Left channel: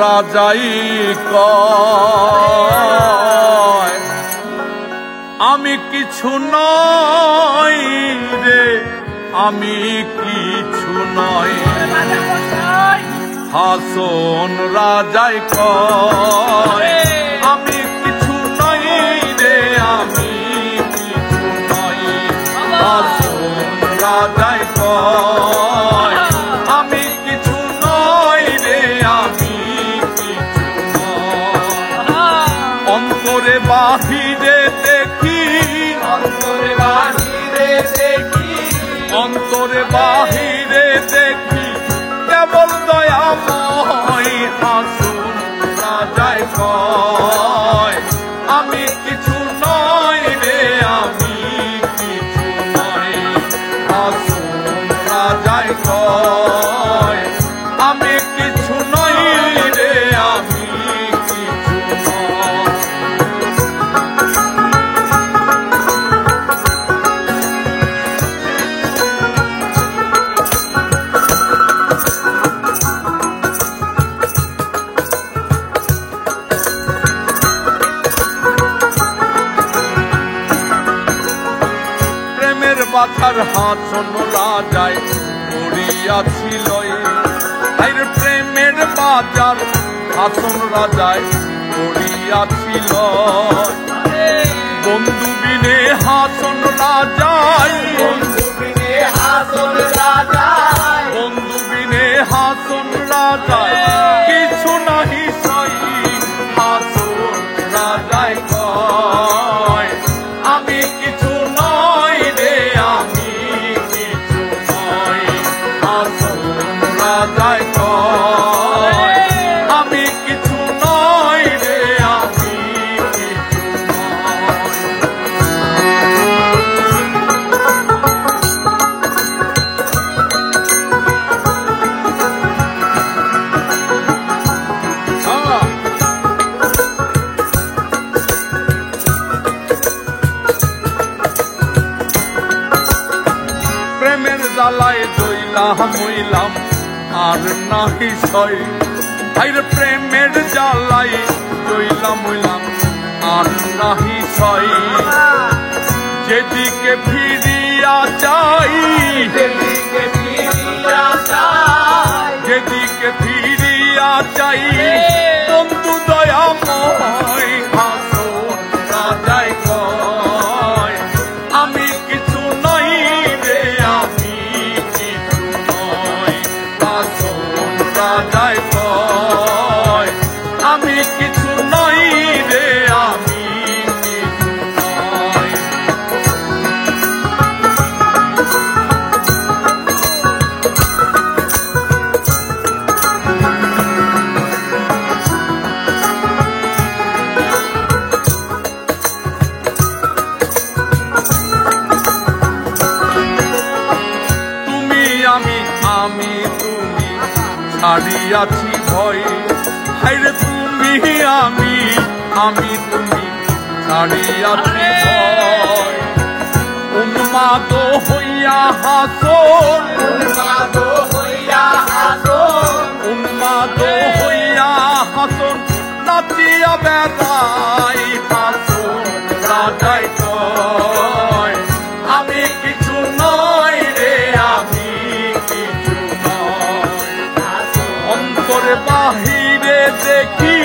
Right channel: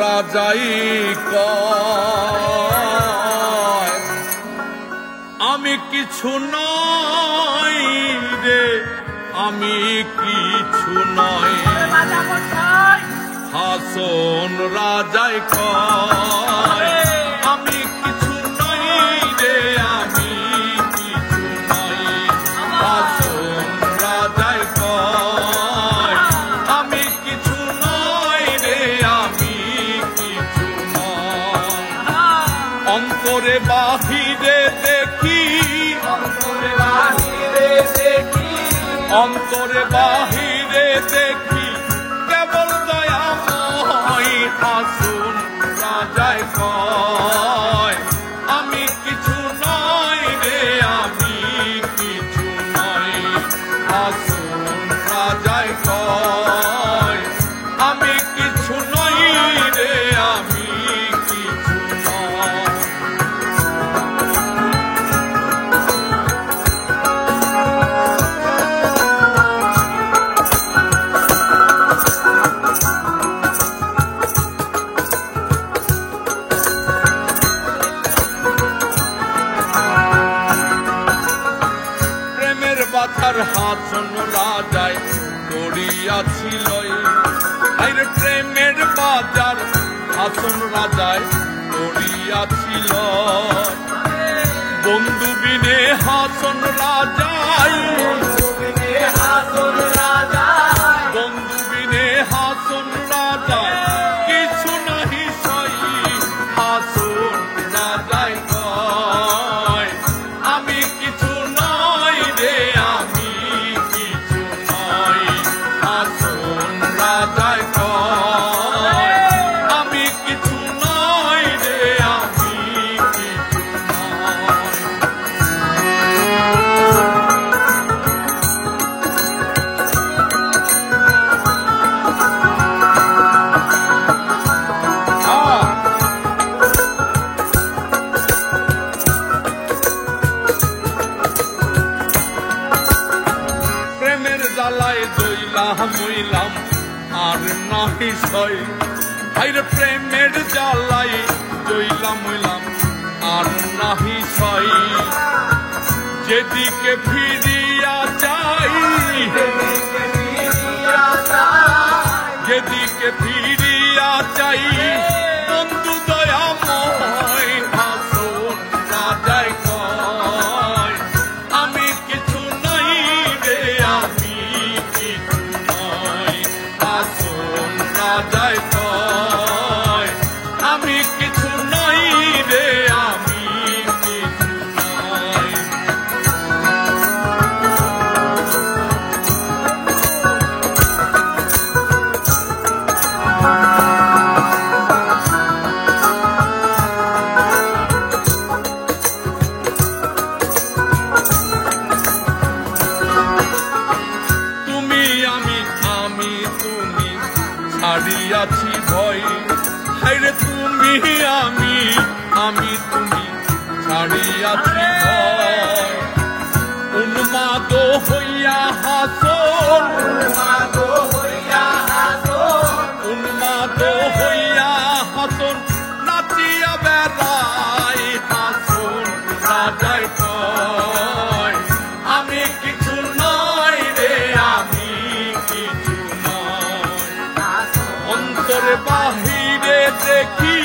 রাজাই কয় আমি কিছু নই রে, আমি কিছু নই। হাসন রাজাই কয় আমি কিছু নই রে, আমি কিছু নই। হাসন রাজাই কয় আমি কিছু নই রে, আমি কিছু নই। অন্তরে বাহিরে দেখি, অন্তরে বাহিরে দেখি, অন্তরে বাহিরে দেখি কেবল দয়াময়। হাসন রাজাই কয় আমি কিছু নই রে, আমি কিছু নই। হাসন রাজাই কয় আমি কিছু নই রে, আমি কিছু নই। প্রেমের বাধার হাসন রাজায় পড়িয়াছিল, প্রেমের বাজার হাসন রাজায় পড়িয়াছিল। বন্ধু বিনে হাসন রাজায়, বন্ধু বিনে হাসন রাজায়, বন্ধু বিনে হাসন রাজায় কিছু নাহি সই। হাসন রাজায় কয় আমি কিছু নই রে, আমি কিছু নই। হাসন রাজায় কয় আমি কিছু নই রে, আমি কিছু নই। প্রেমের জ্বালায় জইলাম হইলাম আর নাহি সই। ভাইরে প্রেমের জ্বালায় জইলাম হইলাম আর নাহি সই। যেদিকে ফিরিয়া যাই, যেদিকে ফিরিয়া যাই, যেদিকে ফিরিয়া যাই বন্ধু দয়াময়। হাসন রাজাই কয় আমি কিছু নই রে, আমি কিছু নই। হাসন রাজাই কয় আমি কিছু নই রে, আমি কিছু নই। আমি তুমি ছাড়িয়াছি ভয়। হায়রে তুমি আমি, আমি তুমি ছাড়িয়াছি ভয়। উন্মাদ হইয়া হাসন, উন্মাদ হইয়া হাসন, উন্মাদ হইয়া হাসন নাচিয়া বেড়াই। হাসন রাজাই কয় আমি কিছু নই রে, আমি কিছু নই। অন্তরে বাহিরে দেখি,